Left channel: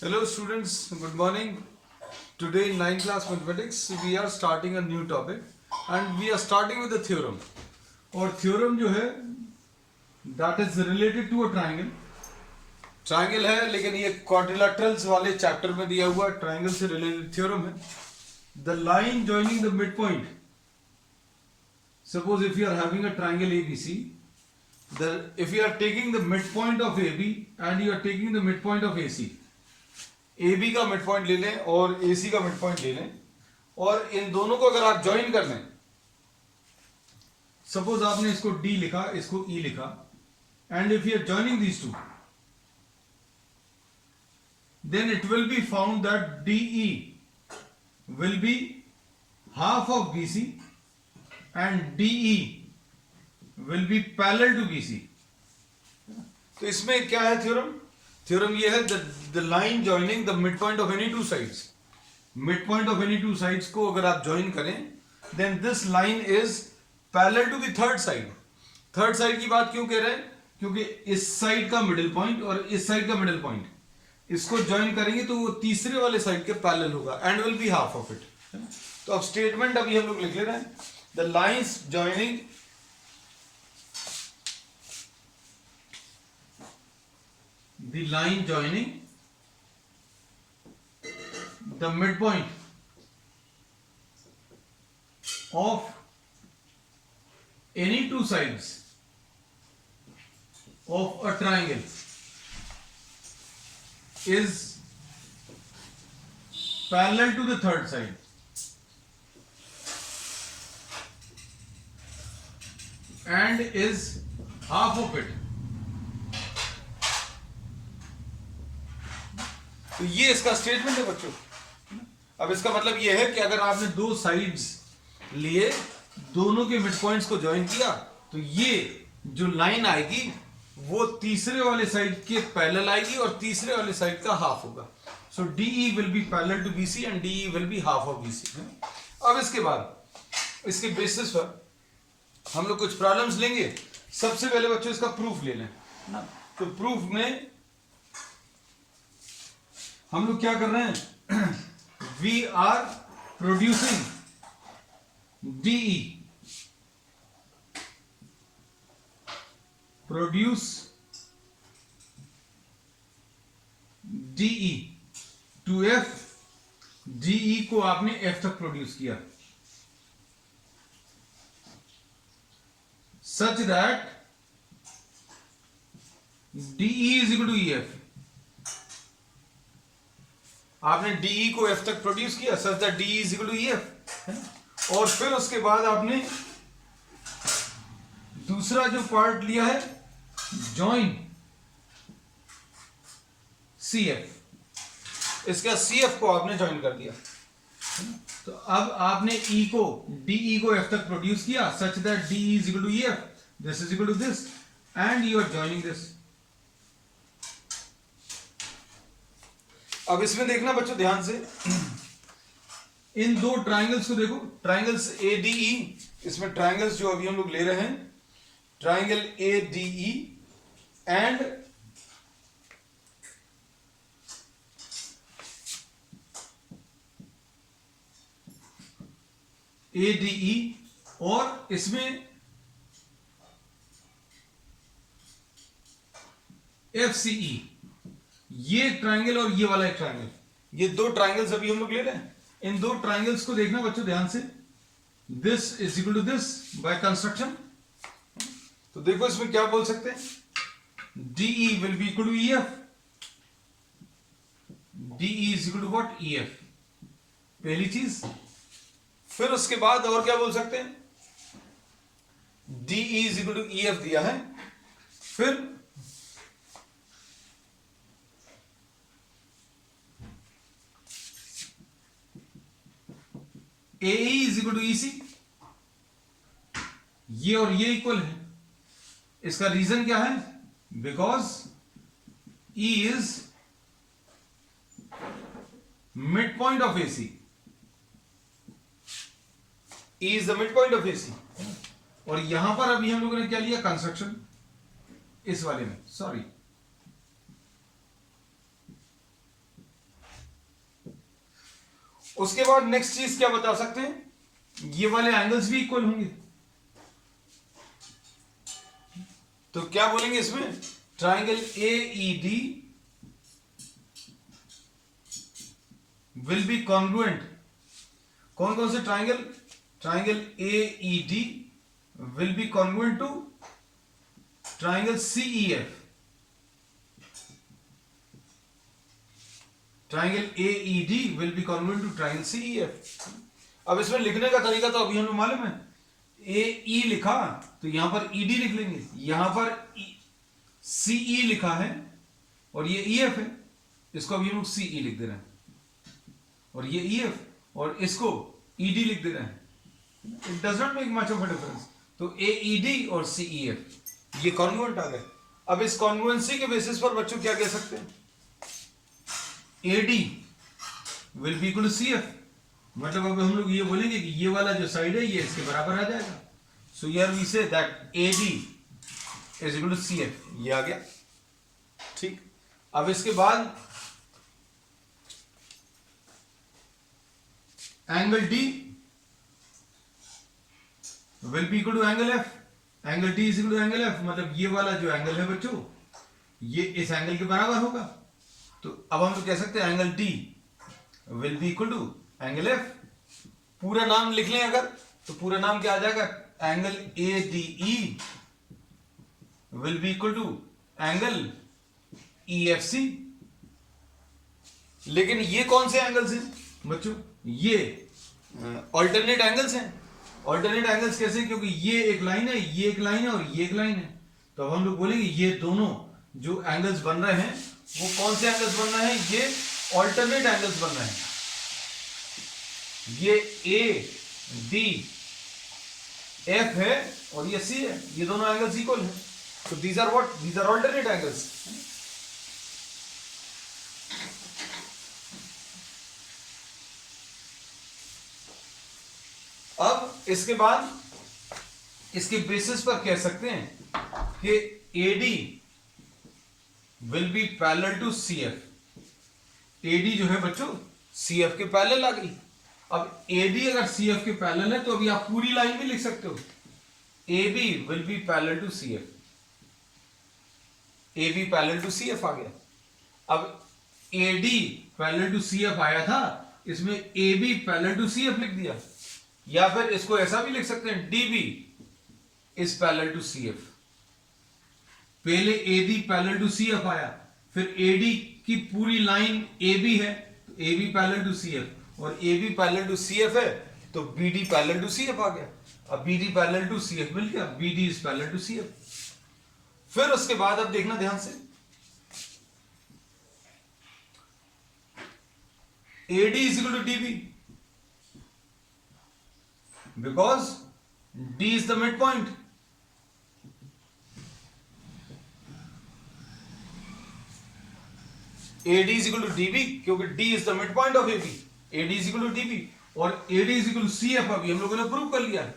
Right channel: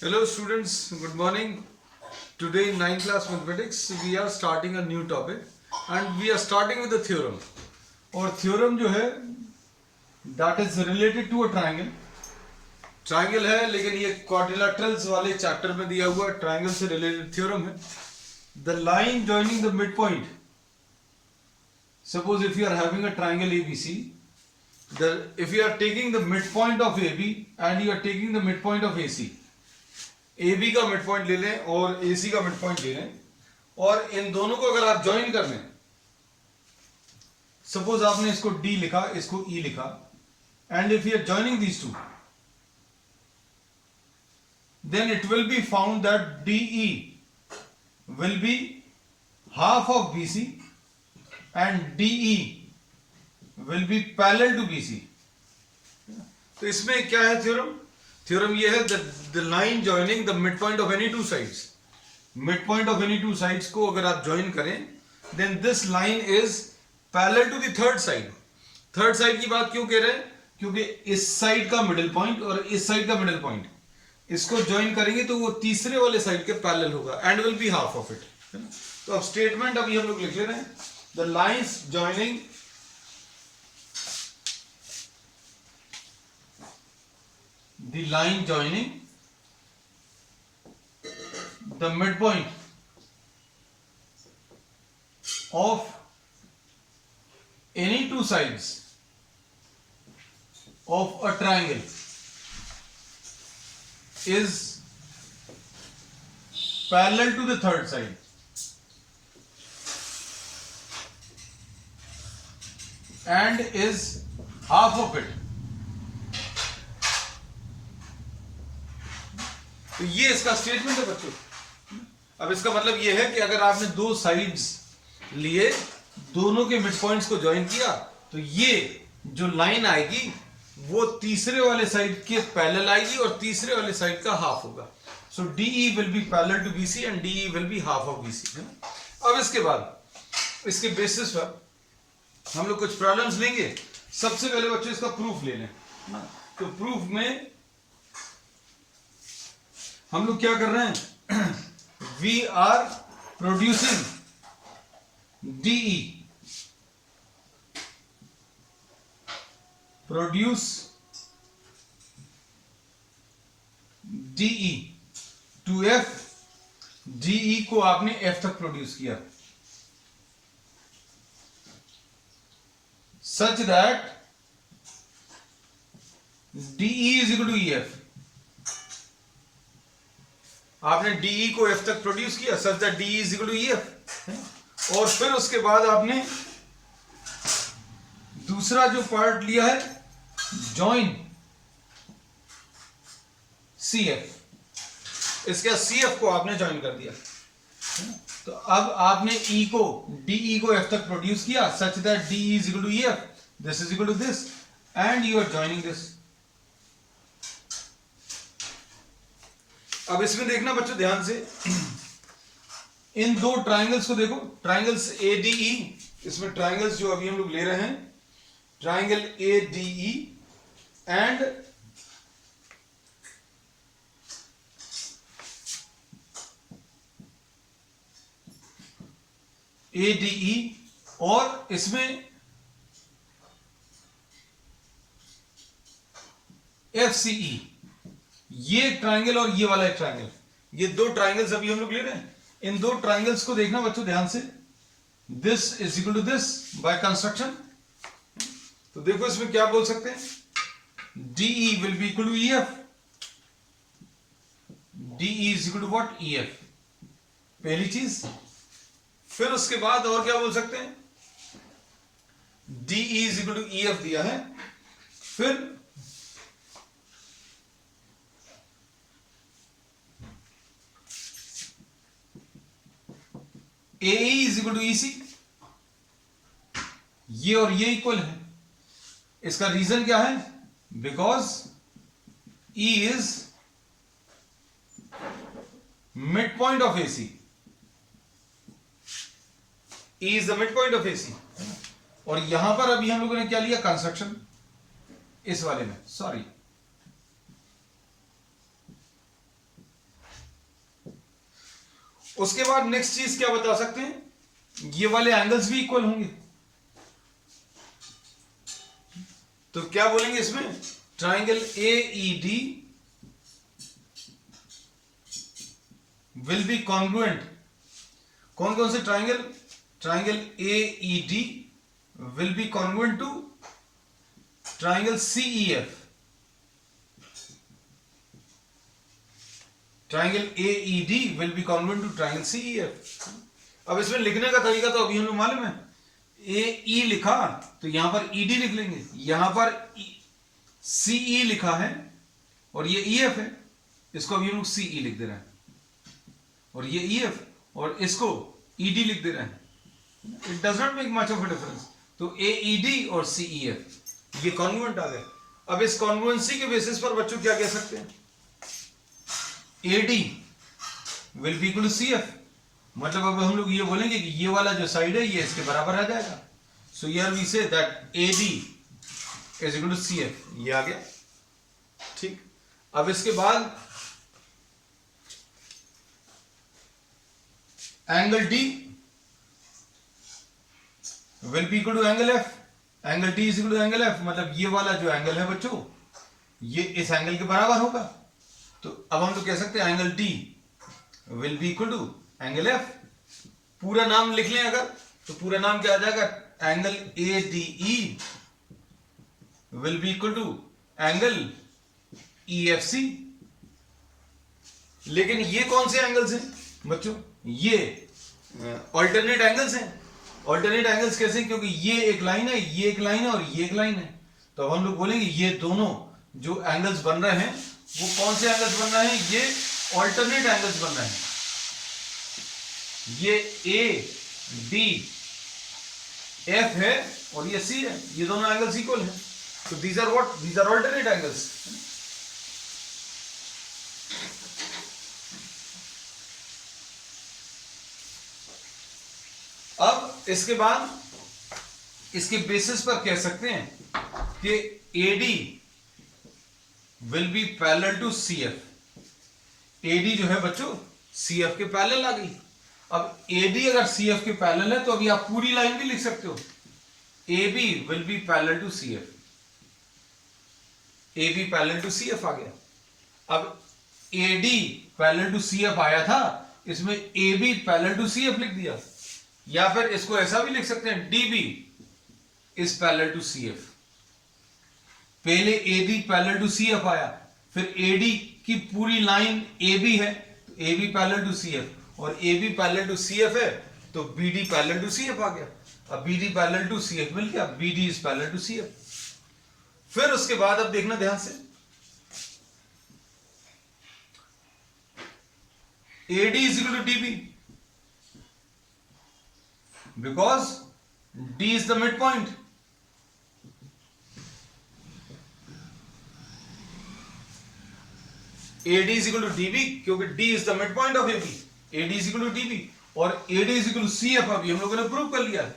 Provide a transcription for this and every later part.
Hello students, good morning. Today in 9th class mathematics we are starting a new topic and we are starting with a theorem. और theorem जो है that is related to a triangle. Triangle है लेकिन ये quadrilaterals वाले chapter में दिया हुआ triangle से related theorem है. The line joining the midpoint. Suppose if you are having a triangle ABC, if you are taking the midpoint of AB and you are taking the midpoint of AC. AB का mid point ले लें और AC का mid point ले लें और इन दोनों को अगर आप ज्वाइन कर लें, सपोज आपने इसको D लिखा, इसको E लिखा, and if you are joining these two, then it will be found that DE will be half of BC and DE will be parallel to BC. तो इसमें क्या है थ्योरम? थ्योरम ये है the line joining the midpoint of any two sides. Midpoint of any two sides को अगर आप join करें, then this line is parallel to the third side. Third side की बात क्यों कह रहे हैं? क्योंकि इस साइड का मिडिल पॉइंट और इस साइड का मिडिल पॉइंट इसको ज्वाइन करेंगे तो वो तीसरे वाले साइड के पैरेलल होगा and will be half of it. तो अब स्टेटमेंट अभी हम लोग लिख ले रहे हैं. The lines joining the line joining the midpoint of any two sides of a triangle is parallel to the third side and is half of it. तो ये इसका स्टेटमेंट है बच्चों. अब इसका मतलब ये है कि अगर आपने दो साइड्स लिए, दोनों के मिड पॉइंट्स को ज्वाइन किया, तो ये जो लाइन आएगी वो तीसरे वाले साइड के पैरेलल आएगी और तीसरे वाले साइड का हाफ होगा. So DE will be parallel to BC and DE will be half of BC. अब इसके बाद इसके बेसिस पर हम लोग कुछ प्रॉब्लम्स लेंगे. सबसे पहले बच्चों इसका प्रूफ ले लें. तो प्रूफ में हम लोग क्या कर रहे हैं? We are producing DE, produce DE to F. DE को आपने F तक प्रोड्यूस किया such that DE is equal to EF. आपने DE को F तक प्रोड्यूस किया such that DE is equal to EF. और फिर उसके बाद आपने दूसरा जो पार्ट लिया है, जॉइन CF. इसका CF को आपने जॉइन कर दिया. तो अब आपने DE को F तक प्रोड्यूस किया such that DE is equal to EF. This is equal to this and you are joining this. अब इसमें देखना बच्चों ध्यान से, इन दो ट्राइंगल्स को देखो. ट्राइंगल्स ADE, इसमें ट्राइंगल्स जो अभी हम लोग ले रहे हैं, ट्राइंगल ADE एंड ADE और इसमें FCE. ये ट्राइंगल और ये वाला एक ट्राइंगल, ये दो ट्राइंगल्स अभी हम लोग ले रहे हैं. इन दो ट्राइंगल्स को देखना बच्चों ध्यान से. This is equal to this by construction. तो देखो इसमें क्या बोल सकते हैं? DE will be equal to EF. DE is equal to what? EF. पहली चीज. फिर उसके बाद और क्या बोल सकते हैं? DE is equal to EF दिया है. फिर AE is equal to EC. ये और ये इक्वल है. इसका रीजन क्या है? Because E is mid point of AC. E is the mid point of AC. और यहां पर अभी हम लोगों ने क्या लिया? कंस्ट्रक्शन. इस वाले में, सॉरी, उसके बाद नेक्स्ट चीज क्या बता सकते हैं, ये वाले एंगल्स भी इक्वल होंगे। तो क्या बोलेंगे इसमें, triangle AED will be congruent. कौन कौन से triangle, triangle AED will be congruent to triangle CEF। Triangle AED will be congruent to triangle CEF। अब इसमें लिखने का तरीका तो अभी हमें मालूम है, AE लिखा तो यहां पर ED लिख लेंगे, यहां पर CE लिखा है और ये EF है, इसको अभी हम लोग CE लिख दे रहे हैं, और ये EF और इसको ED लिख दे रहे हैं। It does not make much of a difference. तो AED और CEF ये कॉन्ग्रुएंट आ गए। अब इस कॉन्ग्रुएंसी के बेसिस पर बच्चों क्या कह सकते हैं, AD will be equal to CF। मतलब अब हम लोग ये बोलेंगे कि ये वाला जो साइड है ये इसके बराबर आ जाएगा। So here we say that AD is equal to CF, ये आ गया। ठीक, अब इसके बाद angle D will be equal to angle F। Angle D is equal to angle F, मतलब ये वाला जो एंगल है बच्चों ये इस एंगल के बराबर होगा। तो अब हम तो कह सकते हैं angle D will be equal to angle F। पूरा नाम लिख लें अगर, तो पूरा नाम क्या आ जाएगा, angle ADE will be equal to angle EFC। लेकिन ये कौन से एंगल्स हैं बच्चों, ये ऑल्टरनेट एंगल्स हैं। ऑल्टरनेट एंगल्स कैसे, क्योंकि ये एक लाइन है, ये एक लाइन है और ये एक लाइन है। तो अब हम लोग बोलेंगे ये दोनों जो एंगल्स बन रहे हैं वो कौन से एंगल्स बन रहे हैं, ये ऑल्टरनेट एंगल्स बन रहे हैं। ये ADF है और ये C है, ये दोनों एंगल्स इक्वल हैं। तो these are what, these are alternate angles. अब इसके बाद इसके बेसिस पर कह सकते हैं कि AD will be parallel to CF। AD जो है बच्चों CF के पैरेलल आ गई। अब AD अगर CF के पैरेलल है तो अभी आप पूरी लाइन भी लिख सकते हो, AB will be parallel to CF। AB parallel to CF आ गया। अब AD पैरेलल टू CF आया था, इसमें AB पैरेलल टू CF लिख दिया, या फिर इसको ऐसा भी लिख सकते हैं DB is parallel to CF। पहले AD पैरेलल टू CF आया, फिर AD की पूरी लाइन AB है तो AB पैरेलल टू CF, और AB पैरेलल टू CF है तो BD पैरेलल टू CF आ गया। अब BD पैरेलल टू CF मिल गया, BD is parallel to CF। फिर उसके बाद अब देखना ध्यान से, AD is equal to DB because D is the midpoint। AD is equal to DB क्योंकि D is the midpoint of AB। AD is equal to DB और AD is equal to CF अभी हम लोगों ने prove कर लिया है।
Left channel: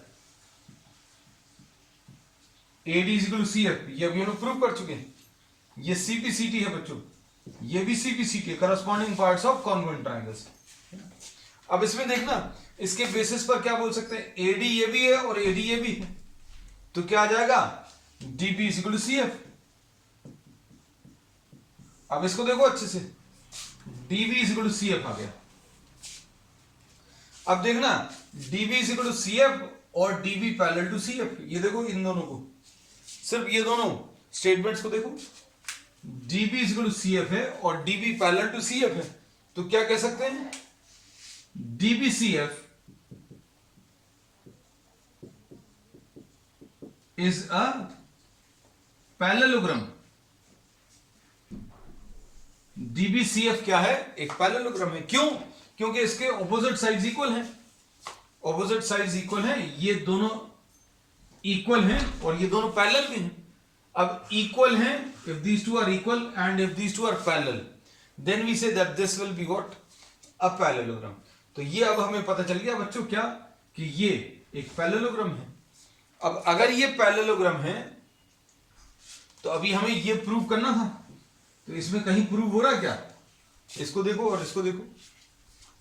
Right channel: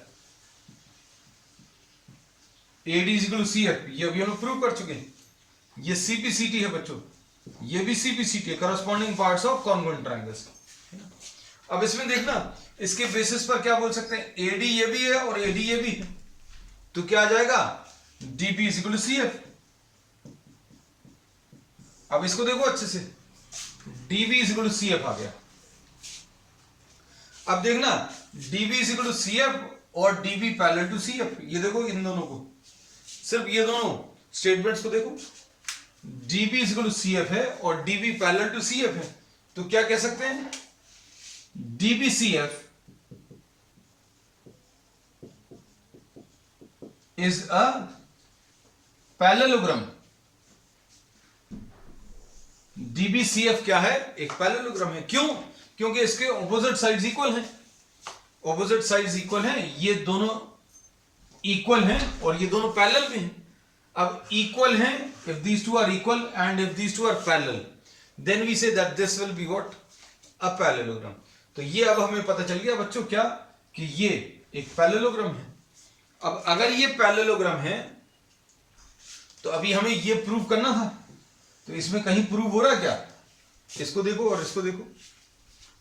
AD is equal to CF ये अभी हम लोग प्रूव कर चुके हैं। ये CPCT है बच्चों, ये भी CPCT है, corresponding parts of congruent triangles. अब इसमें देखना, इसके बेसिस पर क्या बोल सकते हैं, AD ये भी है और AD ये भी है, तो क्या आ जाएगा, DB is equal to CF। अब इसको देखो अच्छे से, DB is equal to CF आ गया। अब देखना DB is equal to CF और DB पैरेलल टू CF, ये देखो इन दोनों को, सिर्फ ये दोनों स्टेटमेंट्स को देखो, DB is equal to CF है और DB पैरेलल टू CF है, तो क्या कह सकते हैं, DBCF is a parallelogram। DBCF क्या है, एक पैरेललोग्राम है। क्यों, क्योंकि इसके ऑपोजिट साइड्स इक्वल हैं, ऑपोजिट साइड्स इक्वल हैं, ये दोनों इक्वल हैं और ये दोनों पैरेलल भी हैं। अब इक्वल हैं, if these two are equal and if these two are parallel then we say that this will be what, a parallelogram. तो ये अब हमें पता चल गया बच्चों क्या, कि ये एक पैरेललोग्राम है। अब अगर ये पैरेललोग्राम है तो अभी हमें ये प्रूव करना था, तो इसमें कहीं प्रूव हो रहा है क्या, इसको देखो और इसको देखो,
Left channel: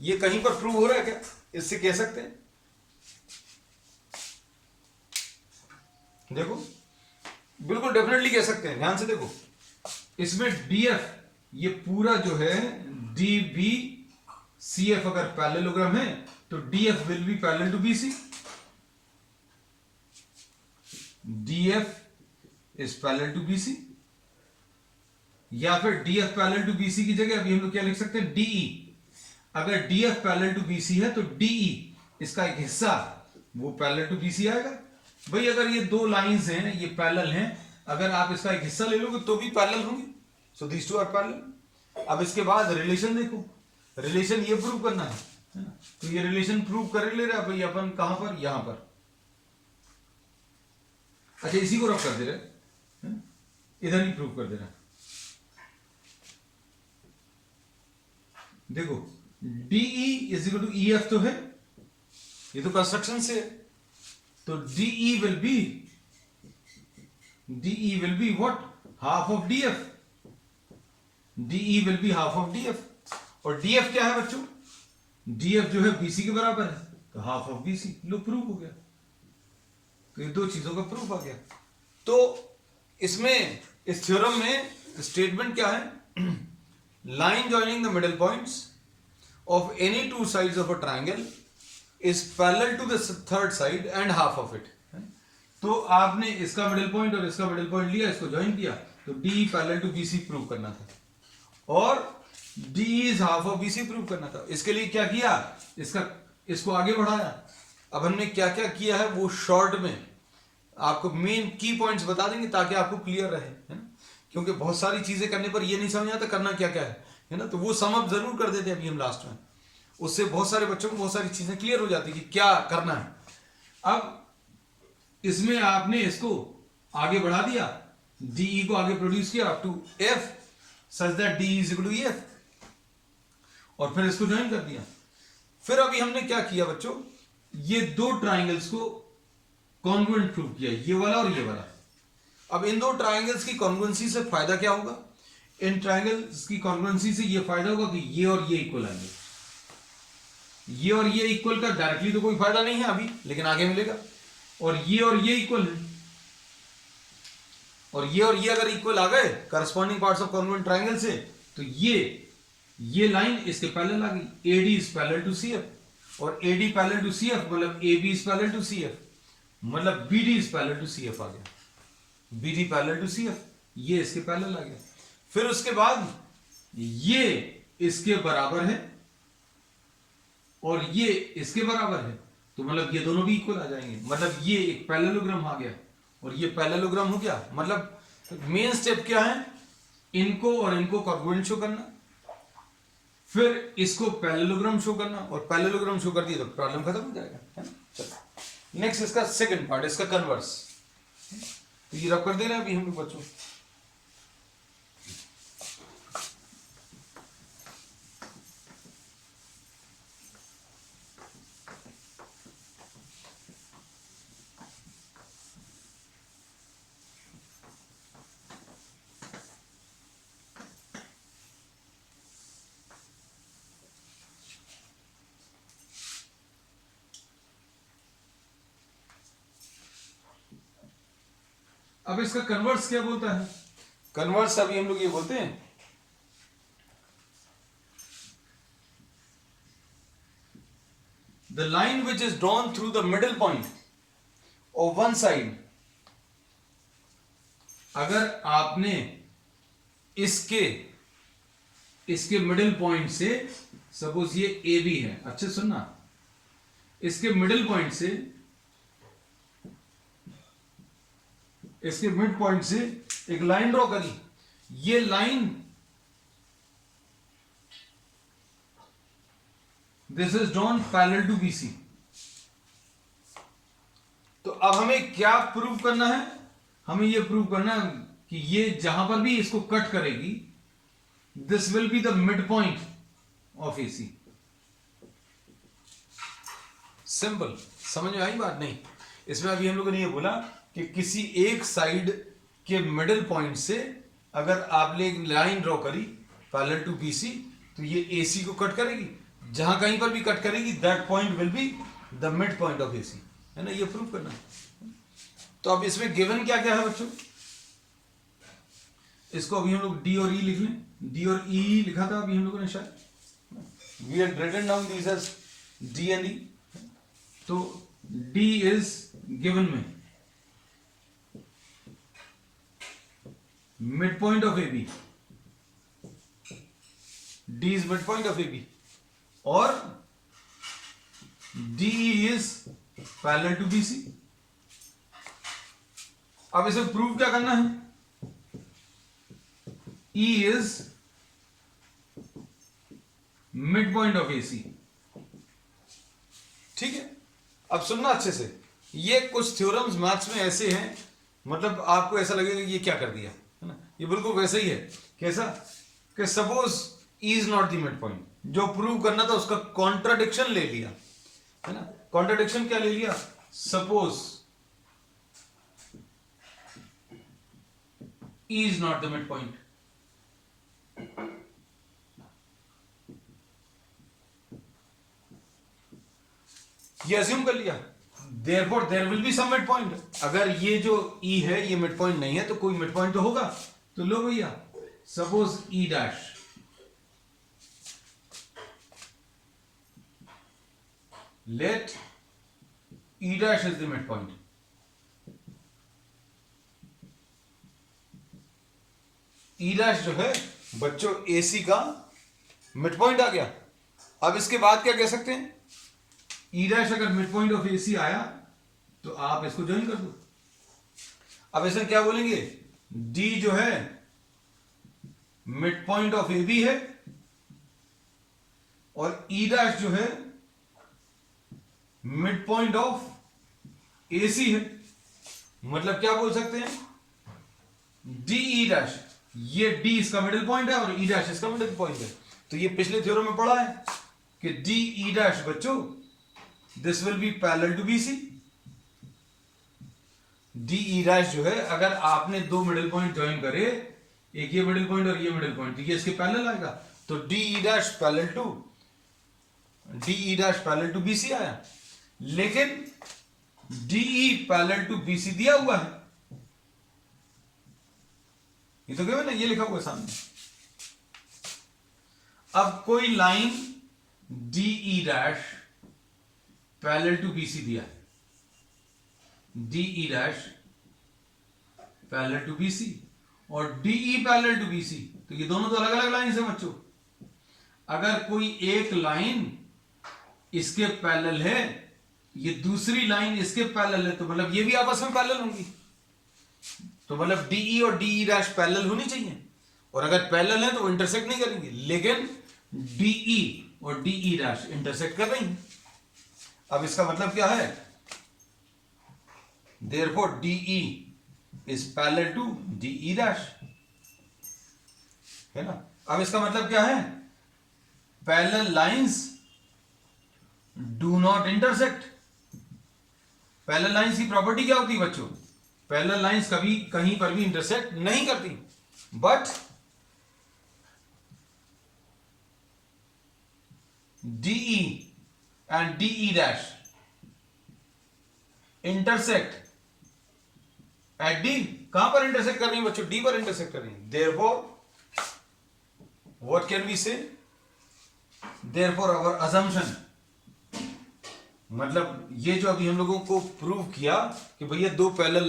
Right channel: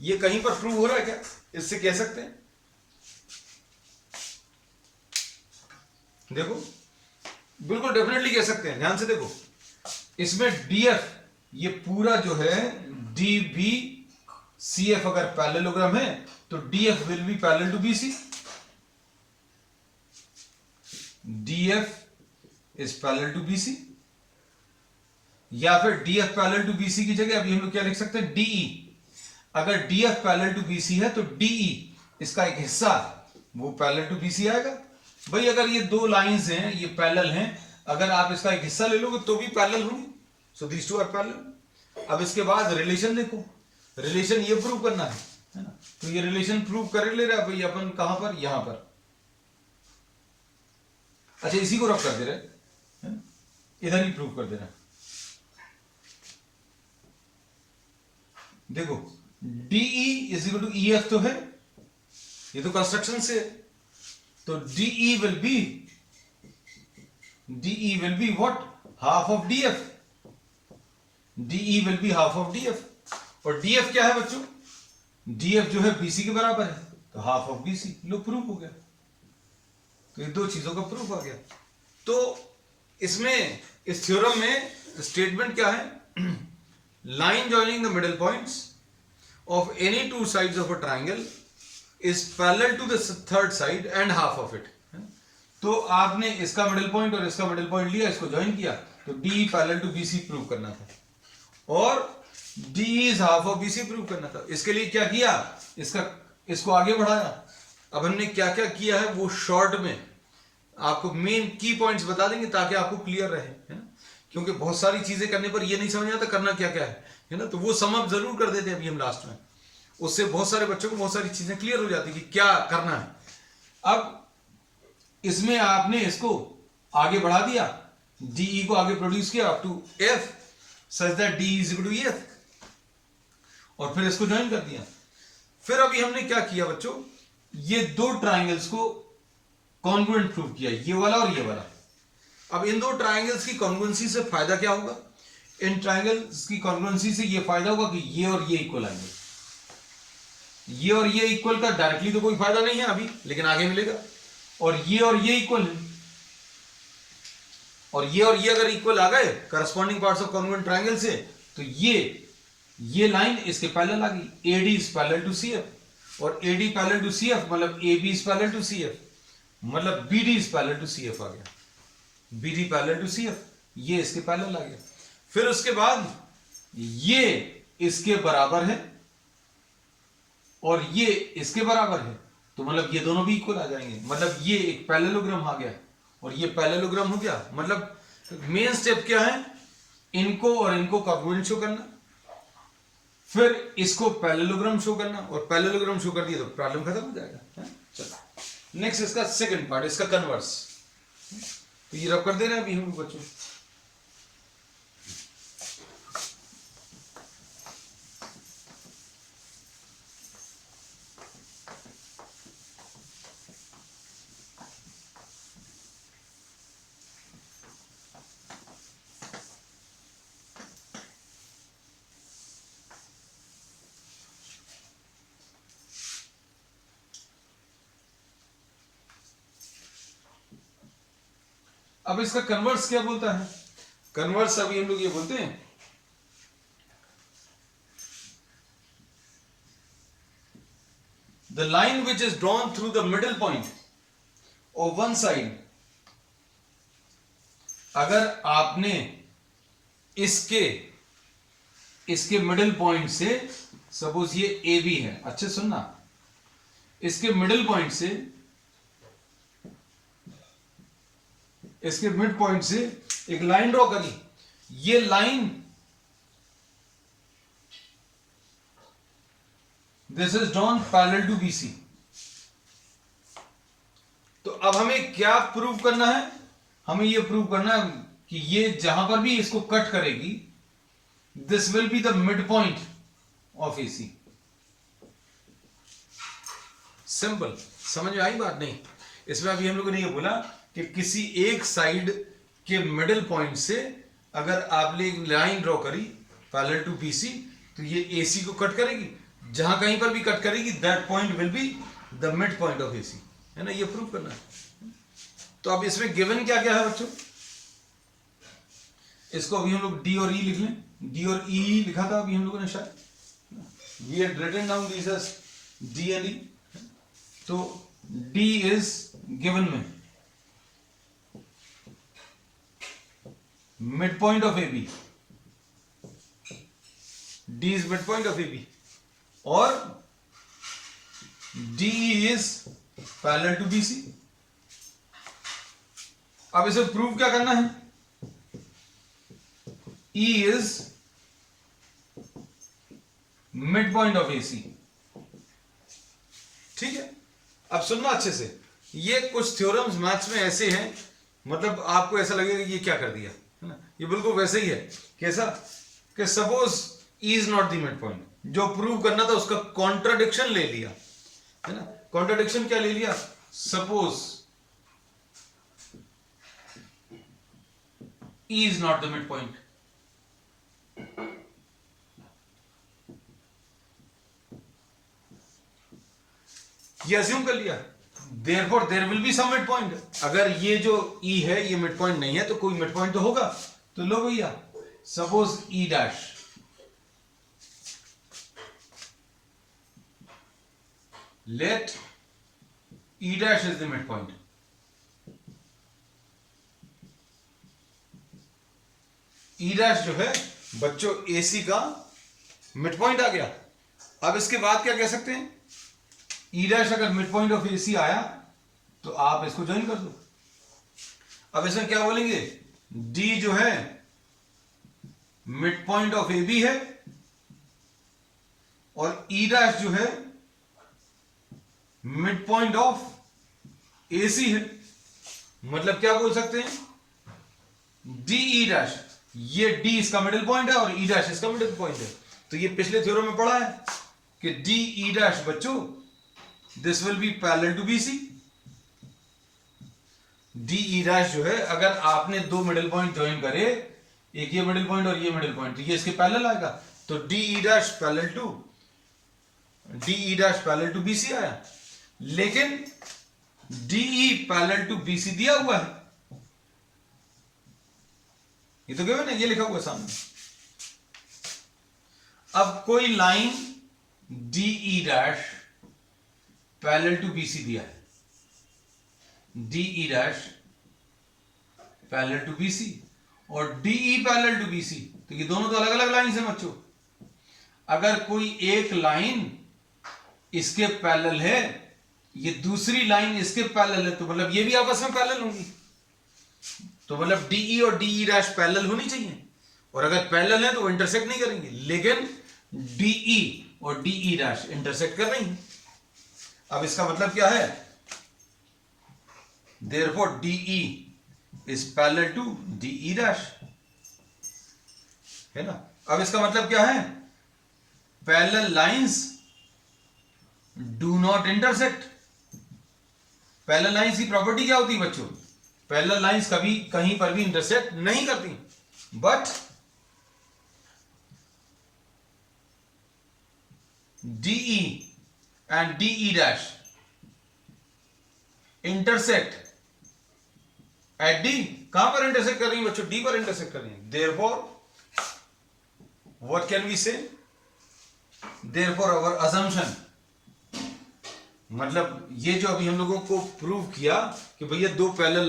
ये कहीं पर प्रूव हो रहा है क्या? इससे कह सकते हैं, देखो बिल्कुल डेफिनेटली कह सकते हैं, ध्यान से देखो, इसमें डीएफ ये पूरा जो है डी बी सी एफ अगर पैरेललोग्राम है तो DF will be parallel to BC, DF is parallel to BC, या फिर डीएफ पैरेलल टू बीसी की जगह अभी हम लोग क्या लिख सकते हैं, डीई। अगर डीएफ पैरेलल टू बीसी है तो डीई इसका एक हिस्सा वो पैरेलल टू बीसी आएगा। भाई अगर ये दो लाइंस हैं, ये पैरेलल हैं, अगर आप इसका एक हिस्सा ले लोगे तो भी पैरेलल होंगी, सो दीस टू आर पैरेलल। अब इसके बाद रिलेशन देखो, रिलेशन ये प्रूव करना है ना, तो ये रिलेशन प्रूव कर ले रहा है भाई अपन कहां पर, यहां पर। अच्छा इसी को रफ कर दे रहे है ना, इधर ही प्रूव कर दे रहा है। देखो DE is equal to EF तो है, ये तो कंस्ट्रक्शन से है, तो DE will be what, half of DF, DE will be half of DF। और DF क्या है बच्चों, DF जो है BC के बराबर है, तो half of BC, low proof हो गया। तो ये दो चीजों का प्रूफ आ गया। तो इसमें इस थ्योरम में स्टेटमेंट क्या है, line joining the middle points of any two sides of a triangle is parallel to the third side and half of it. तो आपने इसका मिडिल पॉइंट और इसका मिडिल पॉइंट लिया, इसको ज्वाइन किया, तो DE parallel to BC prove करना था, और DE is half of BC prove करना था। इसके लिए क्या किया, इसको आगे बढ़ाया। अब हमने क्या क्या किया है वो शॉर्ट में आपको मेन की पॉइंट्स बता देंगे ताकि आपको क्लियर रहे, है ना, क्योंकि बहुत सारी चीजें करने पर ये नहीं समझ आता करना क्या क्या है ना, तो वो सम अप जरूर कर देते हैं अभी हम लास्ट में, उससे बहुत सारे बच्चों को बहुत सारी चीजें क्लियर हो जाती कि क्या करना है। अब इसमें आपने इसको आगे बढ़ा दिया, DE को आगे प्रोड्यूस किया up to F such that DE is equal to EF, और फिर इसको ज्वाइन कर दिया। फिर अभी हमने क्या किया बच्चों, ये दो ट्राइंगल्स को कॉन्ग्रुएंट प्रूव किया, ये वाला और ये वाला। अब इन दो ट्राइंगल्स की कॉन्ग्रुएंसी से फायदा क्या होगा, इन ट्राइंगल्स की कॉन्ग्रुएंसी से ये फायदा होगा कि ये और ये इक्वल आएंगे। ये और ये इक्वल का डायरेक्टली तो कोई फायदा नहीं है अभी, लेकिन आगे मिलेगा। और ये इक्वल है, और ये अगर इक्वल आ गए corresponding parts of congruent triangle से, तो ये लाइन इसके पैरेलल आ गई। AD is parallel to CF, और AD पैरेलल टू CF मतलब AB is parallel to CF, मतलब BD is parallel to CF आ गया, BD पैरेलल टू CF, ये इसके पैरेलल आ गया। फिर उसके बाद ये इसके बराबर है और ये इसके बराबर है, तो मतलब ये दोनों भी इक्वल आ जाएंगे, मतलब ये एक पैरेललोग्राम आ गया और ये पैरेललोग्राम हो गया। मतलब मेन स्टेप क्या है, इनको और इनको कॉन्ग्रुएंट शो करना, फिर इसको पैरेललोग्राम शो करना, और पैरेललोग्राम शो कर दिया तो प्रॉब्लम खत्म हो जाएगा। चलो नेक्स्ट इसका सेकंड पार्ट, इसका कन्वर्स। तो ये रब कर दे रहे हैं अभी हम लोग बच्चों। अब इसका कन्वर्स क्या बोलता है, कन्वर्स अभी हम लोग ये बोलते हैं the line which is drawn through the middle point of one side. अगर आपने इसके मिडिल पॉइंट से, सपोज ये AB है, अच्छे सुनना, इसके मिडिल पॉइंट से, इसके मिड पॉइंट से एक लाइन ड्रॉ करी, ये line this is drawn parallel to BC। तो अब हमें क्या प्रूव करना है, हमें ये प्रूव करना है कि ये जहां पर भी इसको कट करेगी this will be the mid point of AC। Simple, समझ में आई बात? नहीं, इसमें अभी हम लोगों ने ये बोला कि किसी एक साइड के मिडिल पॉइंट से अगर आपने एक लाइन ड्रॉ करी पैरेलल टू BC, तो ये AC को कट करेगी, जहां कहीं पर भी कट करेगी that point will be the mid point of AC, है ना, ये प्रूव करना है। तो अब इसमें गिवन क्या क्या है बच्चों, इसको अभी हम लोग D और E लिख लें। D और E लिखा था अभी हम लोगों ने शायद, we had written down these as D and E। तो D is given में midpoint of AB, D is midpoint of AB, और DE is parallel to BC। अब इसे प्रूव क्या करना है, E is midpoint of AC। ठीक है, अब सुनना अच्छे से, ये कुछ थ्योरम्स मैथ्स में ऐसे हैं, मतलब आपको ऐसा लगेगा कि ये क्या कर दिया, है ना, ये बिल्कुल वैसे ही है। कैसा कि suppose E is not the mid point, जो प्रूव करना था उसका कॉन्ट्राडिक्शन ले लिया, है ना। कॉन्ट्राडिक्शन क्या ले लिया, suppose E is not the mid point, ये अज्यूम कर लिया, therefore there will be some midpoint। अगर ये जो E है ये मिड पॉइंट नहीं है तो कोई मिड पॉइंट तो होगा। तो लो भैया, suppose E dash, let E dash is the midpoint। E dash जो है बच्चों AC का मिड पॉइंट आ गया। अब इसके बाद क्या कह सकते हैं, E डैश अगर मिड पॉइंट ऑफ AC आया तो आप इसको ज्वाइन कर दो। अब इसमें क्या बोलेंगे, D जो है मिड पॉइंट ऑफ AB है और E डैश जो है मिड पॉइंट ऑफ AC है। मतलब क्या बोल सकते हैं, DE डैश, ये D इसका मिडिल पॉइंट है और E डैश इसका मिडिल पॉइंट है। तो ये पिछले थ्योरम में पढ़ा है कि DE डैश बच्चों this will be parallel to BC। DE dash जो है, अगर आपने दो मिडिल पॉइंट ज्वाइन करे, एक ये मिडिल पॉइंट और ये मिडिल पॉइंट, तो ये इसके पैरेलल आएगा। तो DE dash parallel to BC आया। लेकिन DE पैरेलल टू BC दिया हुआ है, ये तो क्या ना, ये लिखा हुआ है सामने। अब कोई line DE dash parallel to BC दिया है, DE dash parallel to BC और DE पैरेलल टू BC, तो ये दोनों तो अलग अलग लाइन है बच्चों। अगर कोई एक लाइन इसके पैरेलल है, ये दूसरी लाइन इसके पैरेलल है, तो मतलब ये भी आपस में पैरेलल होंगी। तो मतलब DE और DE डैश पैरेलल होनी चाहिए, और अगर पैरेलल है तो वो इंटरसेक्ट नहीं करेंगे। लेकिन DE और DE डैश इंटरसेक्ट कर रही हैं। अब इसका मतलब क्या है, therefore DE is parallel to DE dash, है ना। अब इसका मतलब क्या है, parallel lines do not intersect. Parallel lines की प्रॉपर्टी क्या होती है बच्चों, पैरेलल लाइंस कभी कहीं पर भी इंटरसेक्ट नहीं करती, but DE and DE dash intersect at D। कहां पर इंटरसेक्ट कर रही है बच्चों, D पर इंटरसेक्ट कर रही है। therefore what can we say, therefore our assumption, मतलब ये जो अभी हम लोगों को प्रूव किया कि भैया दो पैरेलल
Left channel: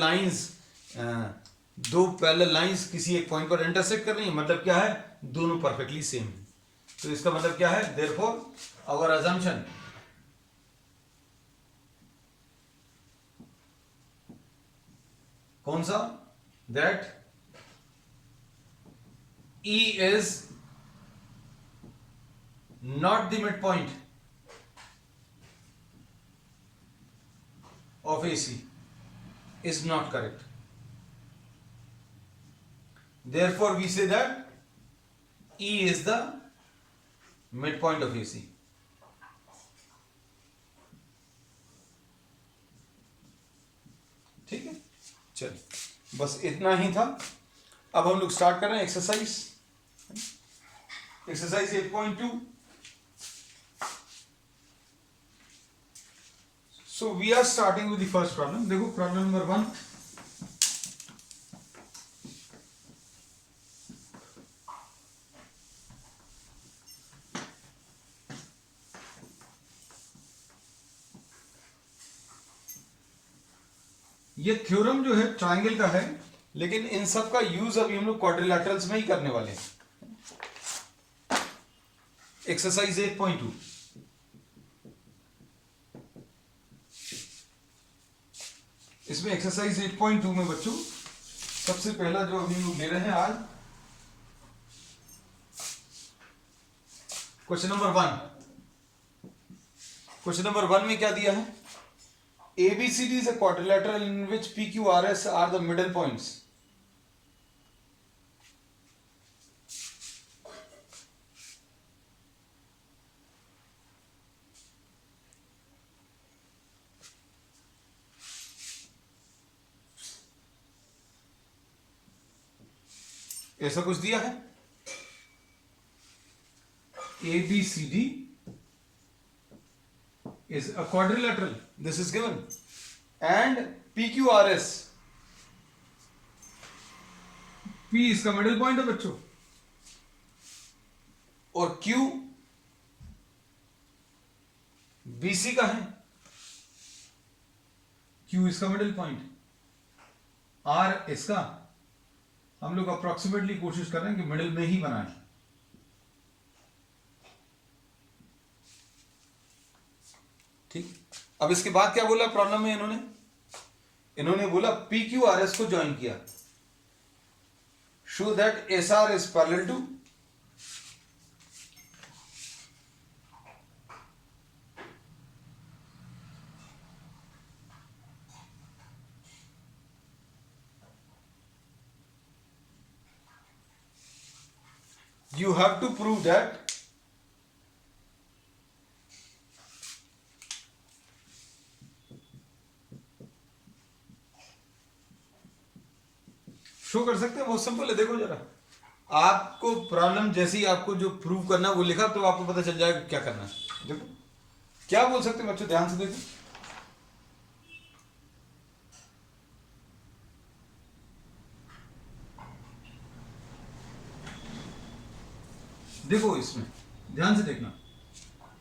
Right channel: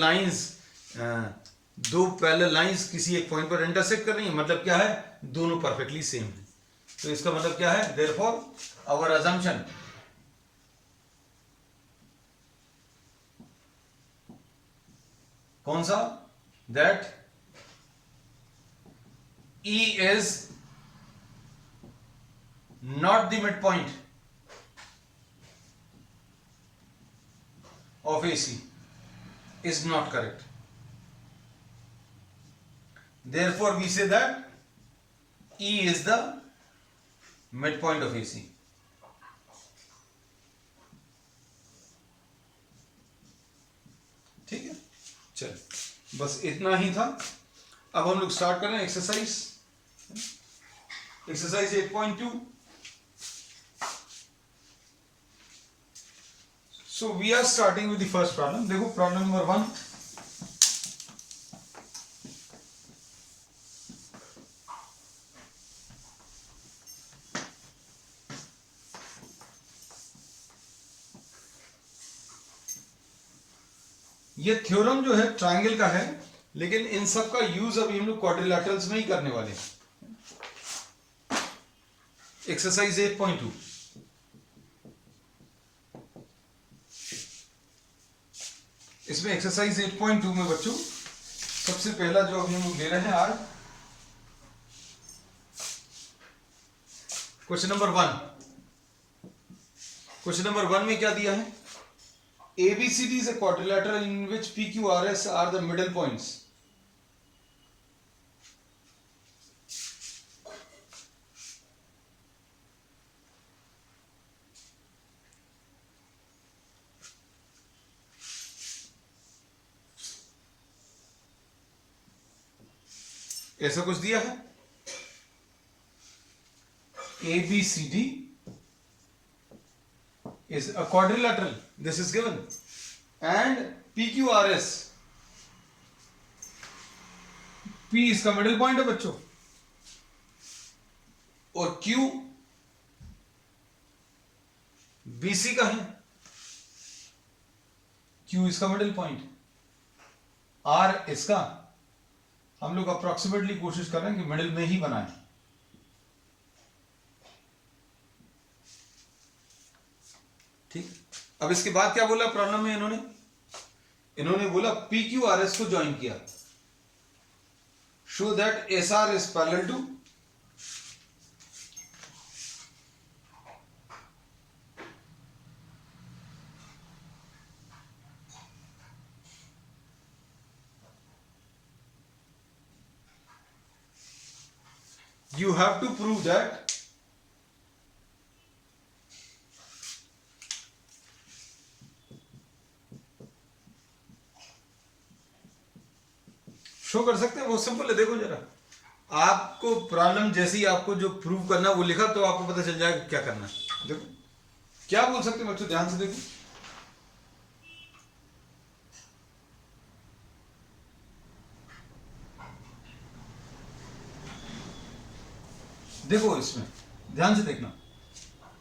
लाइंस किसी एक पॉइंट पर इंटरसेक्ट कर रही है, मतलब क्या है, दोनों परफेक्टली सेम है। तो इसका मतलब क्या है, therefore our assumption कौन सा, that E is not the midpoint of AC is not correct। Therefore we say that E is the midpoint of AC। ठीक है, चल बस इतना ही था। अब हम लोग स्टार्ट कर रहे हैं exercise 8.2। So we are starting with the first problem. देखो प्रॉब्लम नंबर 1. ये थ्योरम जो है ट्राइंगल का है, लेकिन इन सब का यूज अभी हम लोग क्वाड्रिलैटरल्स में ही करने वाले हैं. एक्सरसाइज 8.2. इसमें एक्सरसाइज 8.2 में बच्चों सबसे पहला जो अभी हम लोग ले रहे हैं आज, क्वेश्चन नंबर 1. क्वेश्चन नंबर 1 में क्या दिया है? ABCD is a quadrilateral in which PQRS are the middle points. ऐसा कुछ दिया है. ABCD is a quadrilateral. This is given. And PQRS. P इसका मिडिल पॉइंट है बच्चों, और Q BC का है. Q इसका मिडिल पॉइंट, R इसका. हम लोग अप्रोक्सीमेटली कोशिश कर रहे हैं कि मिडिल में ही बनाएं. ठीक. अब इसके बाद क्या बोला प्रॉब्लम में इन्होंने बोला PQRS को ज्वाइन किया. Show that SR is parallel to you have to prove that show कर सकते हैं. बहुत सिंपल है. देखो जरा, आपको प्रॉब्लम जैसे ही आपको जो प्रूव करना है वो लिखा तो आपको पता चल जाएगा क्या करना है. देखो क्या बोल सकते हैं बच्चों, ध्यान से देखो. देखो इसमें ध्यान से देखना,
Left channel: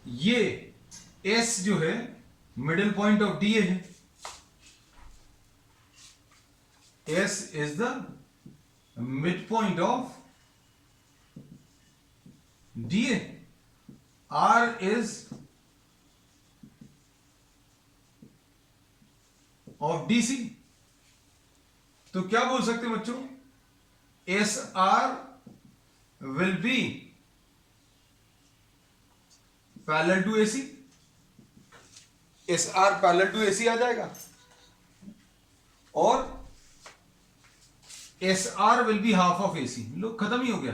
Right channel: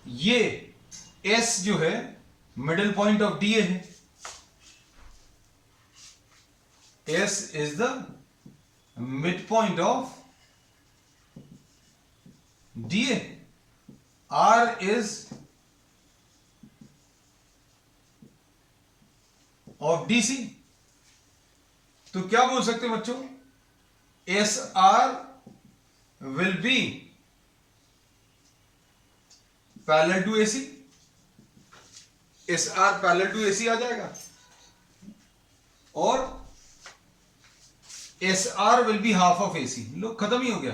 ये S जो है मिडिल पॉइंट ऑफ DA है. S is the midpoint of DA. R is of DC. तो क्या बोल सकते हैं बच्चों? SR will be parallel to AC. SR parallel to AC आ जाएगा, और SR will be half of AC. लो खत्म ही हो गया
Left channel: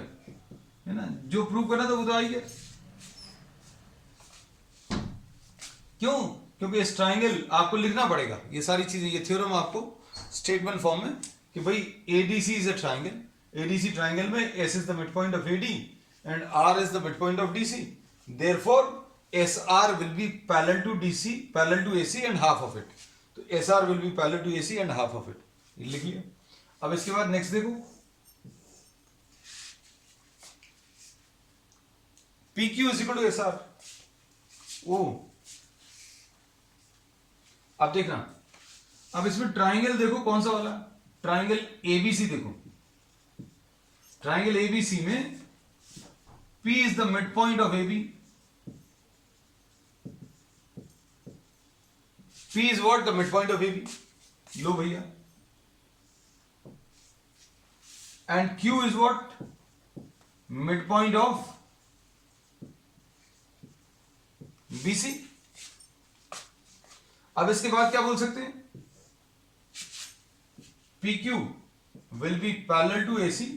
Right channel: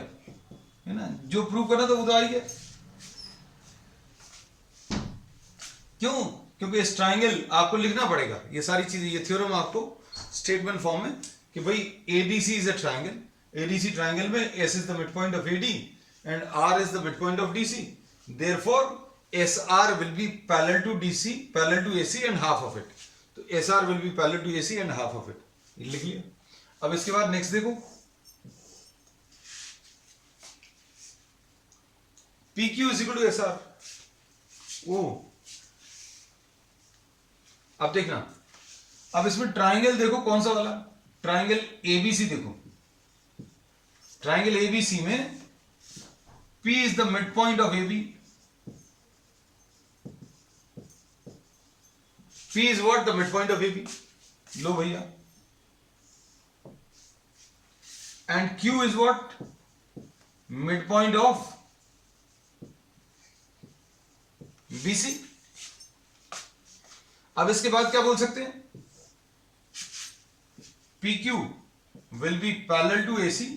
है ना. जो प्रूव करना था वो तो आ ही गया. क्यों? क्योंकि इस ट्राइंगल आपको लिखना पड़ेगा ये सारी चीजें. ये थ्योरम आपको स्टेटमेंट फॉर्म में कि भाई ADC is a triangle. ADC triangle में S is the mid point of AD and R is the mid point of DC. Therefore SR will be parallel to DC, parallel to AC and half of it. तो SR will be parallel to AC and half of it. ये लिख लिया. अब इसके बाद next देखो, PQ is equal to SR. ओ अब देखना, अब इसमें ट्राइंगल देखो कौन सा वाला, ट्राइंगल ABC. देखो ट्राइंगल ABC में P is the mid point of AB. P is what? The mid point of AB. लो भैया. And Q is what? Midpoint of BC. अब इसके बाद क्या बोल सकते हैं? PQ will be parallel to AC.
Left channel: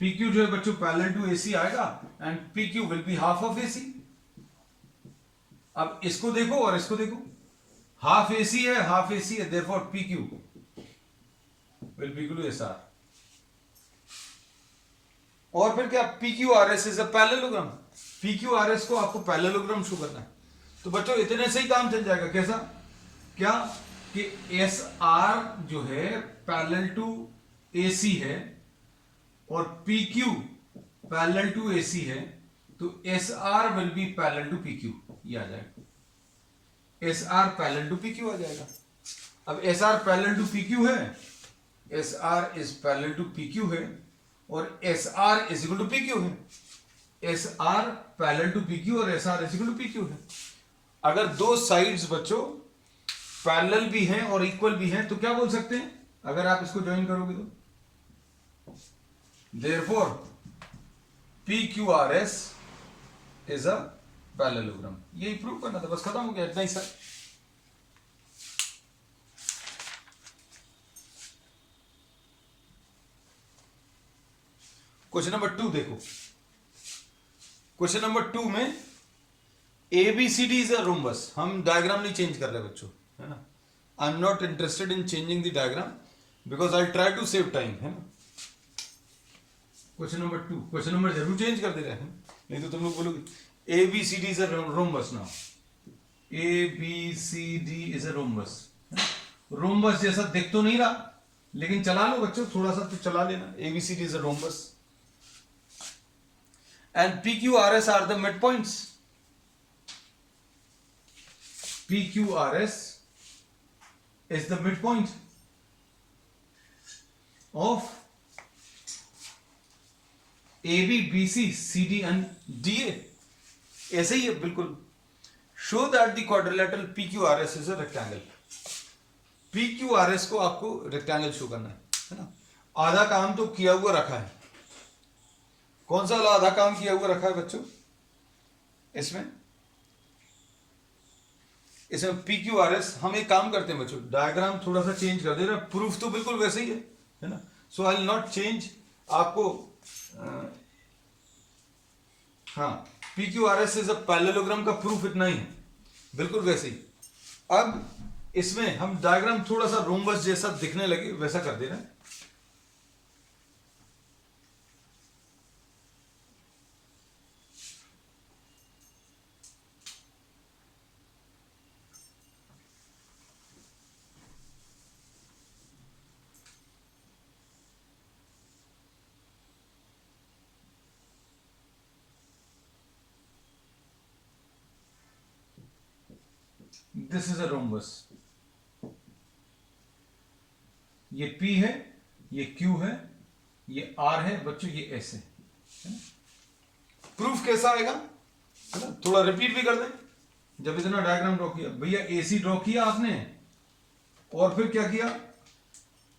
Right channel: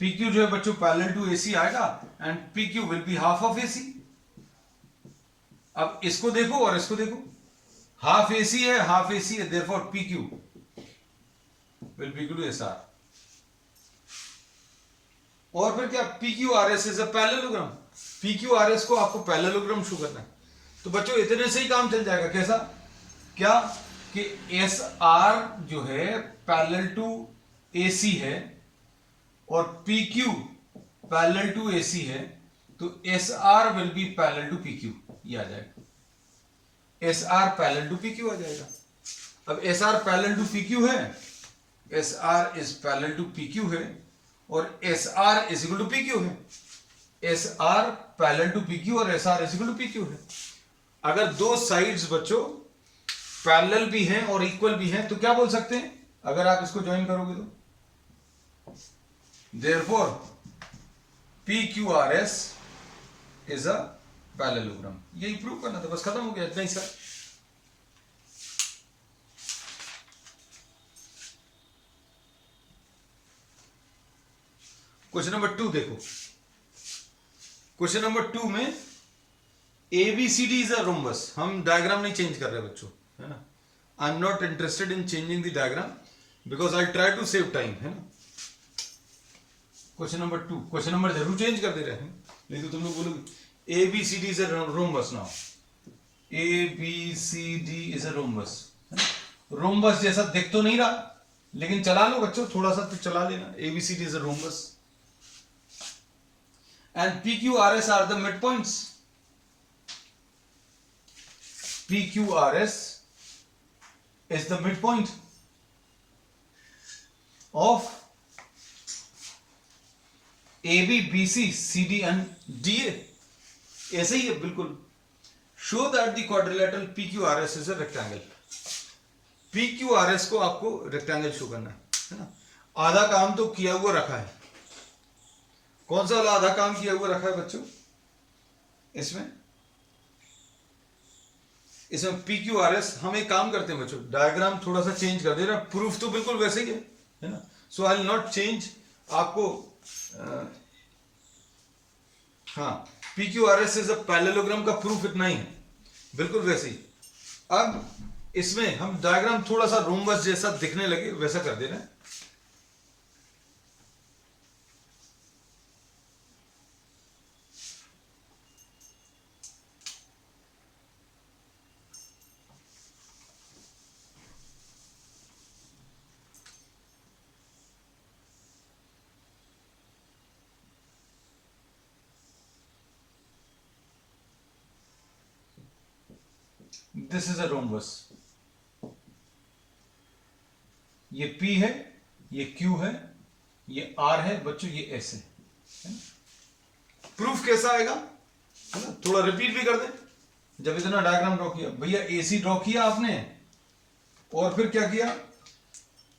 PQ जो है बच्चों पैरेलल टू AC आएगा, and PQ will be half of AC. अब इसको देखो और इसको देखो, हाफ AC है, हाफ AC है, therefore PQ will be equal to SR. और फिर क्या? PQRS is a parallelogram. PQRS को आपको पैरेललोग्राम शो करना है. तो बच्चों इतने से ही काम चल जाएगा। कैसा? क्या कि एस आर जो है पैरेलल टू AC है और PQ पैरेलल टू AC है, तो SR will be parallel to PQ, ये आ जाएगा। SR पैरेलल टू PQ आ जाएगा। अब SR पैरेलल टू PQ है, SR is parallel to PQ है और SR is equal to PQ है। SR पैरेलल टू PQ और SR is equal to PQ है। अगर दो साइड्स बच्चों पैरेलल भी हैं और इक्वल भी हैं तो क्या बोल सकते हैं? अगर आप इसको ज्वाइन करोगे तो therefore PQRS is a parallelogram. यही प्रूव करना था, बस खत्म हो गया, इतना ही सर। क्वेश्चन नंबर 2 देखो। क्वेश्चन नंबर 2 में ABCD इज अ रोम्बस। हम डायग्राम नहीं चेंज कर रहे बच्चों, है ना। I am not interested in changing the diagram because I try to save time, है ना। क्वेश्चन नंबर 2, क्वेश्चन नंबर जरूर चेंज कर दे रहे हैं, नहीं तो तुम लोग बोलोगे ABCD is a rhombus. Now ABCD is a rhombus. Rhombus जैसा दिख तो नहीं रहा, लेकिन चला लो बच्चों, थोड़ा सा तो चला लेना। ABCD is a rhombus and PQRS are the midpoints. PQRS is the midpoint of AB, BC, CD and DA. ऐसे ही है बिल्कुल। Show that the quadrilateral PQRS is a rectangle. PQRS को आपको रेक्टेंगल शो करना है ना। आधा काम तो किया हुआ रखा है। कौन सा वाला आधा काम किया हुआ रखा है बच्चों? इसमें PQRS। हम एक काम करते हैं बच्चों, डायग्राम थोड़ा सा चेंज कर दे रहा, प्रूफ तो बिल्कुल वैसे ही है ना। सो आई विल नॉट चेंज आपको। हाँ, PQRS इज अ पैरेललोग्राम का प्रूफ इतना ही है, बिल्कुल वैसे ही। अब इसमें हम डायग्राम थोड़ा सा रोम्बस जैसा दिखने लगे वैसा कर दे रहे हैं। This is a rhombus. ये P है, ये Q है, ये R है बच्चों, ये S है। प्रूफ कैसा आएगा, है ना। थोड़ा रिपीट भी कर दें। जब इतना डायग्राम ड्रॉ किया भैया, AC ड्रॉ किया आपने और फिर क्या किया?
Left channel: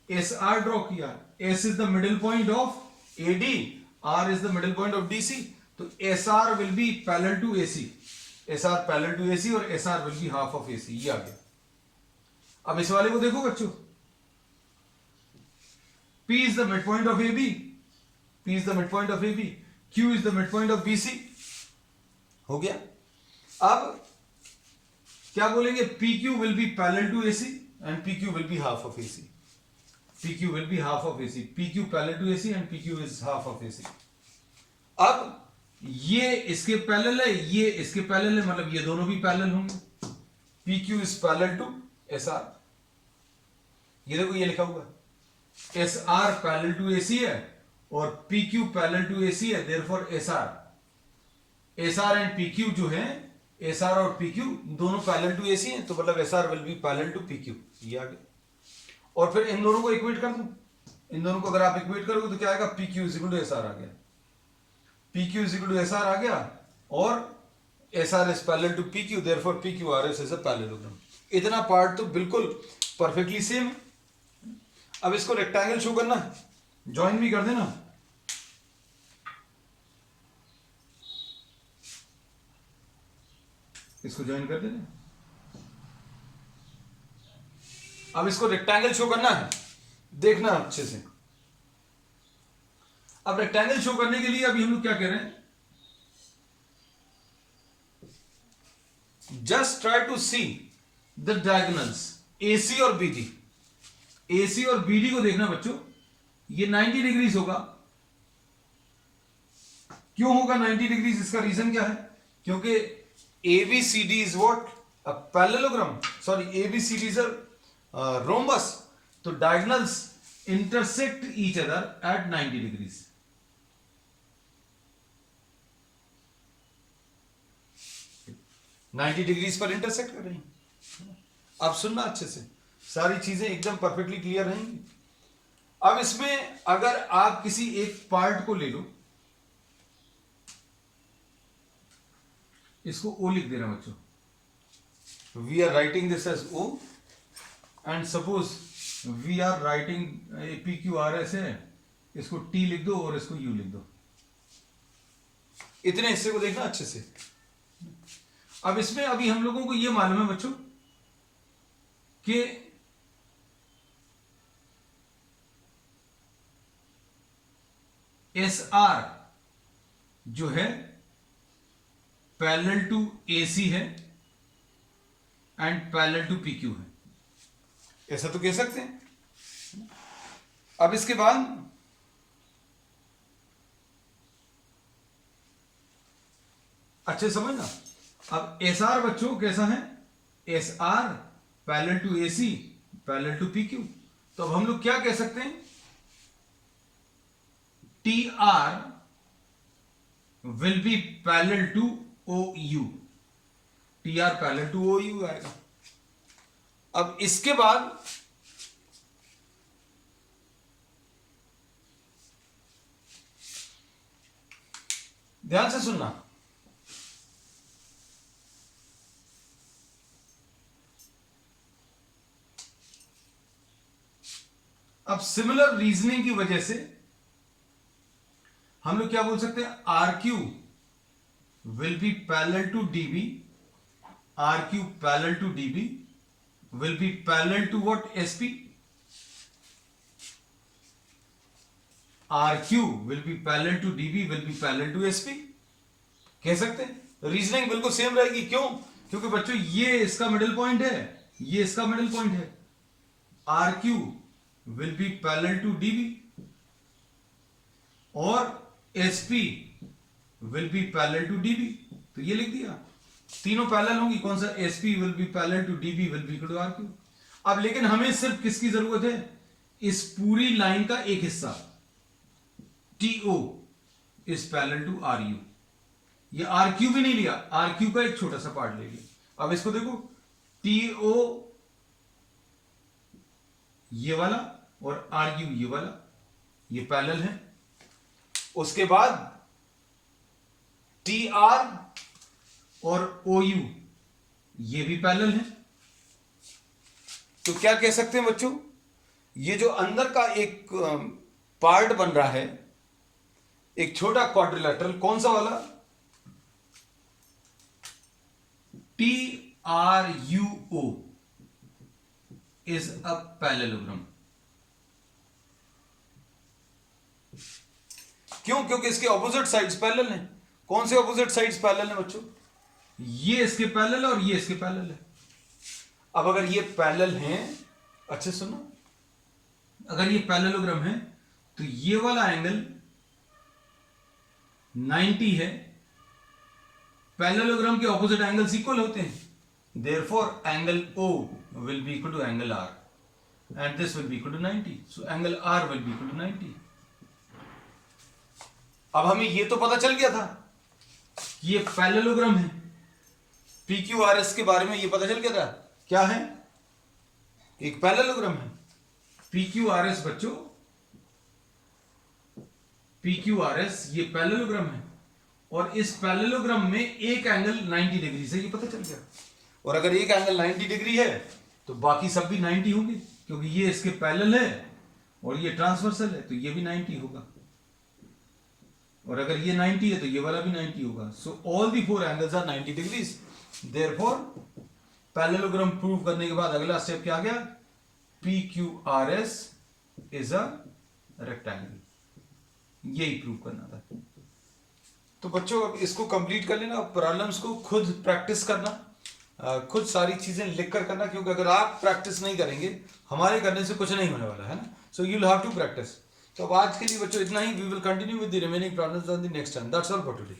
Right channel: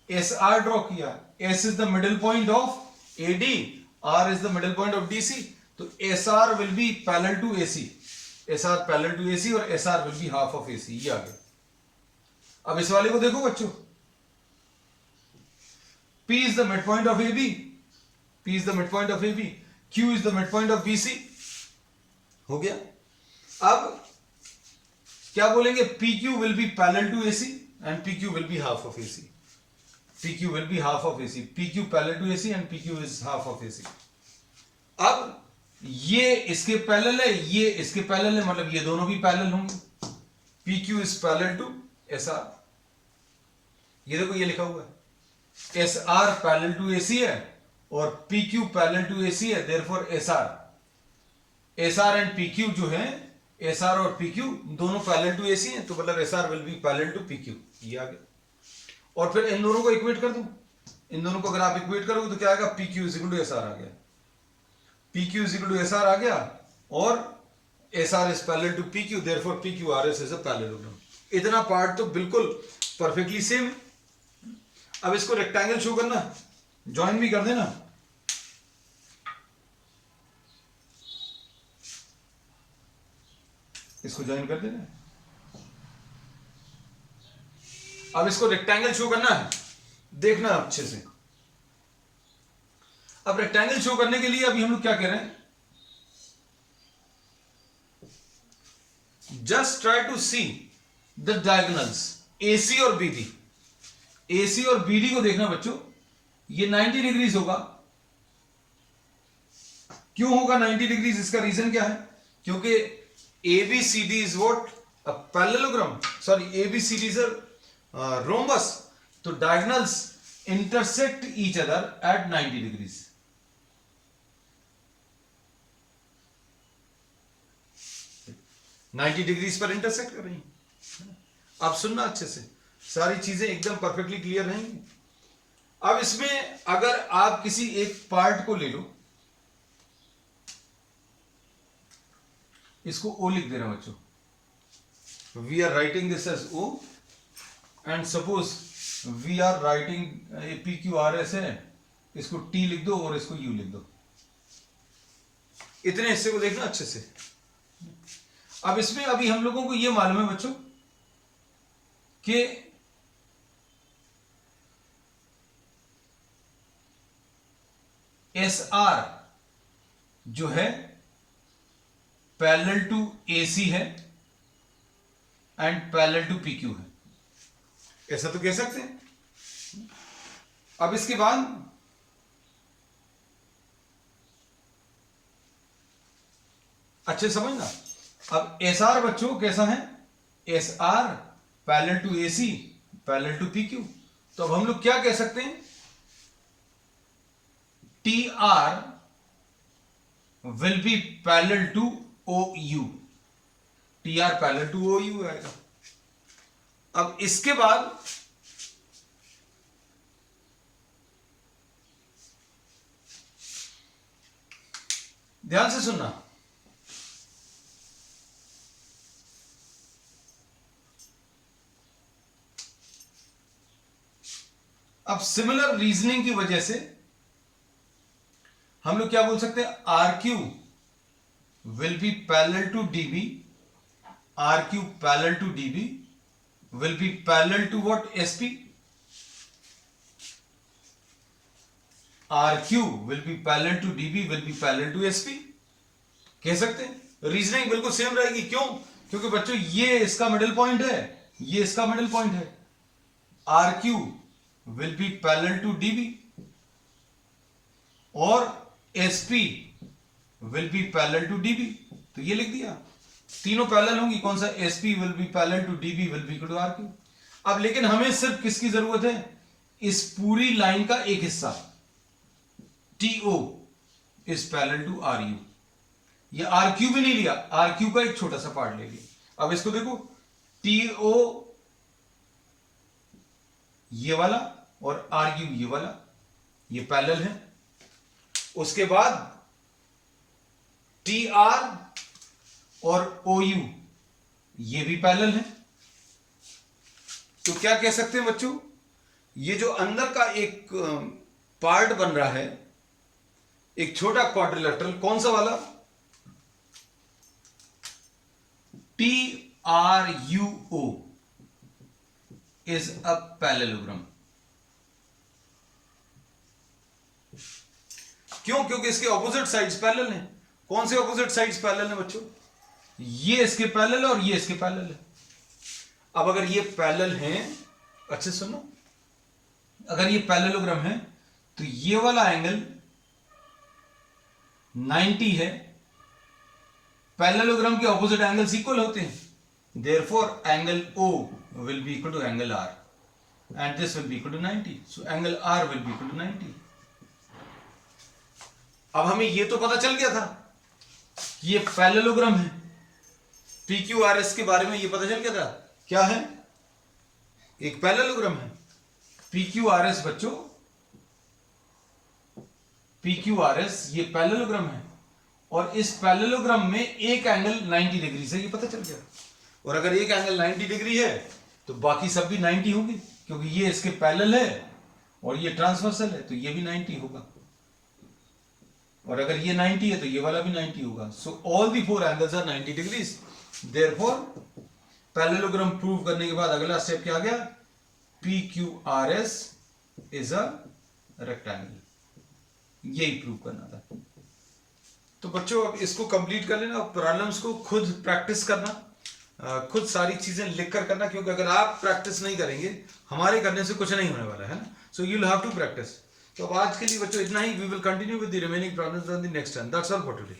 SR ड्रॉ किया। S is the middle point of AD, R is the middle point of DC, तो SR will be parallel to AC। SR parallel to AC और SR will be half of AC। ये आ गया। अब इस वाले को देखो बच्चों, P is the midpoint of AB, P is the midpoint of AB, Q is the midpoint of BC। हो गया। अब क्या बोलेंगे? PQ will be parallel to AC and PQ will be half of AC। PQ will be half of AC, PQ parallel to AC and PQ is half of AC। अब ये इसके parallel है, ये इसके पैरेलल है, मतलब ये दोनों भी पैरेलल होंगे। PQ is parallel to SR। ये देखो ये लिखा हुआ है, SR पैरेलल टू AC है और PQ पैरेलल टू AC है, देयरफॉर SR एंड PQ जो है, SR और PQ दोनों पैरेलल टू AC हैं, तो मतलब SR will be parallel to PQ। ये आ गया। और फिर इन दोनों को इक्वेट कर दूं। इन दोनों को अगर आप इक्वेट करोगे तो क्या आएगा? PQ is equal to SR आ गया। PQ is equal to SR आ गया और SR is parallel to PQ, therefore PQRS is a parallelogram. इतना पार्ट तो बिल्कुल परफेक्टली सेम है। अब इसको रेक्टेंगल शो करना, ज्वाइन भी कर देना। इसको ज्वाइन कर देना। अब इसको रेक्टेंगल शो करना है, देखना अच्छे से। अब रेक्टेंगल शो करने के लिए अभी हम लोग क्या कह रहे हैं? Just try to see the diagonals AC और BD। AC और BD को देखना बच्चों, ये 90 डिग्रीज होगा। क्यों होगा 90 डिग्रीज? इसका रीजन क्या है? क्योंकि ABCD is what? A parallelogram. Sorry, ABCD is a rhombus. तो diagonals intersect each other at 90 degrees. Degrees पर इंटरसेक्ट कर रही हैं। अब सुनना अच्छे से, सारी चीजें एकदम परफेक्टली क्लियर रहेंगी। अब इसमें अगर आप किसी एक पार्ट को ले लो, इसको O लिख देना बच्चों, we are writing this as O and suppose we are writing PQRS है, इसको T लिख दो और इसको U लिख दो। इतने हिस्से को देखना अच्छे से। अब इसमें अभी हम लोगों को यह मालूम है बच्चों कि SR जो है पैरेलल टू AC है एंड पैरेलल टू PQ है, ऐसा तो कह सकते हैं। अब इसके बाद अच्छे समझना, अब SR बच्चों कैसा है? SR parallel to AC parallel to PQ। तो अब हम लोग क्या कह सकते हैं? TR will be parallel to OU, TR parallel to OU आएगा। अब इसके बाद ध्यान से सुनना, अब सिमिलर रीजनिंग की वजह से हम लोग क्या बोल सकते हैं? RQ will be parallel to DB, RQ parallel to DB will be parallel to what? SP, RQ will be parallel to DB will be parallel to SP। कह सकते हैं रीजनिंग बिल्कुल सेम रहेगी। क्यों? क्योंकि बच्चों ये इसका मिडिल पॉइंट है, ये इसका मिडिल पॉइंट है। RQ will be parallel to DB और SP will be parallel to DB। तो ये लिख दिया, तीनों पैरेलल होंगी। कौन सा? SP will be parallel to DB will be equal to RQ। अब लेकिन हमें सिर्फ किसकी जरूरत है? इस पूरी लाइन का एक हिस्सा TO is parallel to RU। ये RQ भी नहीं लिया, RQ का एक छोटा सा पार्ट ले लिया। अब इसको देखो, TO ये वाला और RU ये वाला, ये पैरेलल है। उसके बाद TR और OU ये भी पैरेलल है। तो क्या कह सकते हैं बच्चों? ये जो अंदर का एक पार्ट बन रहा है, एक छोटा क्वाड्रिलेटरल, कौन सा वाला? TRUO is a parallelogram। क्यों? क्योंकि इसके ऑपोजिट साइड्स पैरेलल हैं। कौन से ऑपोजिट साइड्स पैरेलल हैं बच्चों? ये इसके पैरेलल है और ये इसके पैरेलल है। अब अगर ये पैरेलल हैं, अच्छे सुनो, अगर ये पैरेललोग्राम है तो ये वाला एंगल 90 है। पैरेललोग्राम के ऑपोजिट एंगल्स इक्वल होते हैं, therefore angle O will be equal to angle R and this will be equal to 90, so angle R will be equal to 90। अब हमें ये तो पता चल गया था कि ये पैरेललोग्राम है, PQRS के बारे में ये पता चल गया था। क्या है? एक पैरेललोग्राम है। PQRS बच्चों, PQRS ये पैरेललोग्राम है और इस पैरेललोग्राम में एक एंगल 90 डिग्री से, ये पता चल गया। और अगर एक एंगल 90 डिग्री है तो बाकी सब भी 90 होंगे, क्योंकि ये इसके पैरेलल है और ये ट्रांसवर्सल है, तो ये भी 90 होगा। और अगर ये 90 है तो ये वाला भी 90 होगा। So all the four angles are 90 degrees. Therefore parallelogram prove करने के बाद अगला स्टेप क्या आ गया? PQRS is a rectangle. यही प्रूव करना था। तो बच्चों अब इसको कंप्लीट कर लेना। प्रॉब्लम्स को खुद प्रैक्टिस करना, खुद सारी चीजें लिख कर करना, क्योंकि अगर आप प्रैक्टिस नहीं करेंगे हमारे करने से कुछ नहीं होने वाला है ना। So you will have to practice. तो आज के लिए बच्चों इतना ही। We will continue with the remaining problems on the next time. That's all for today.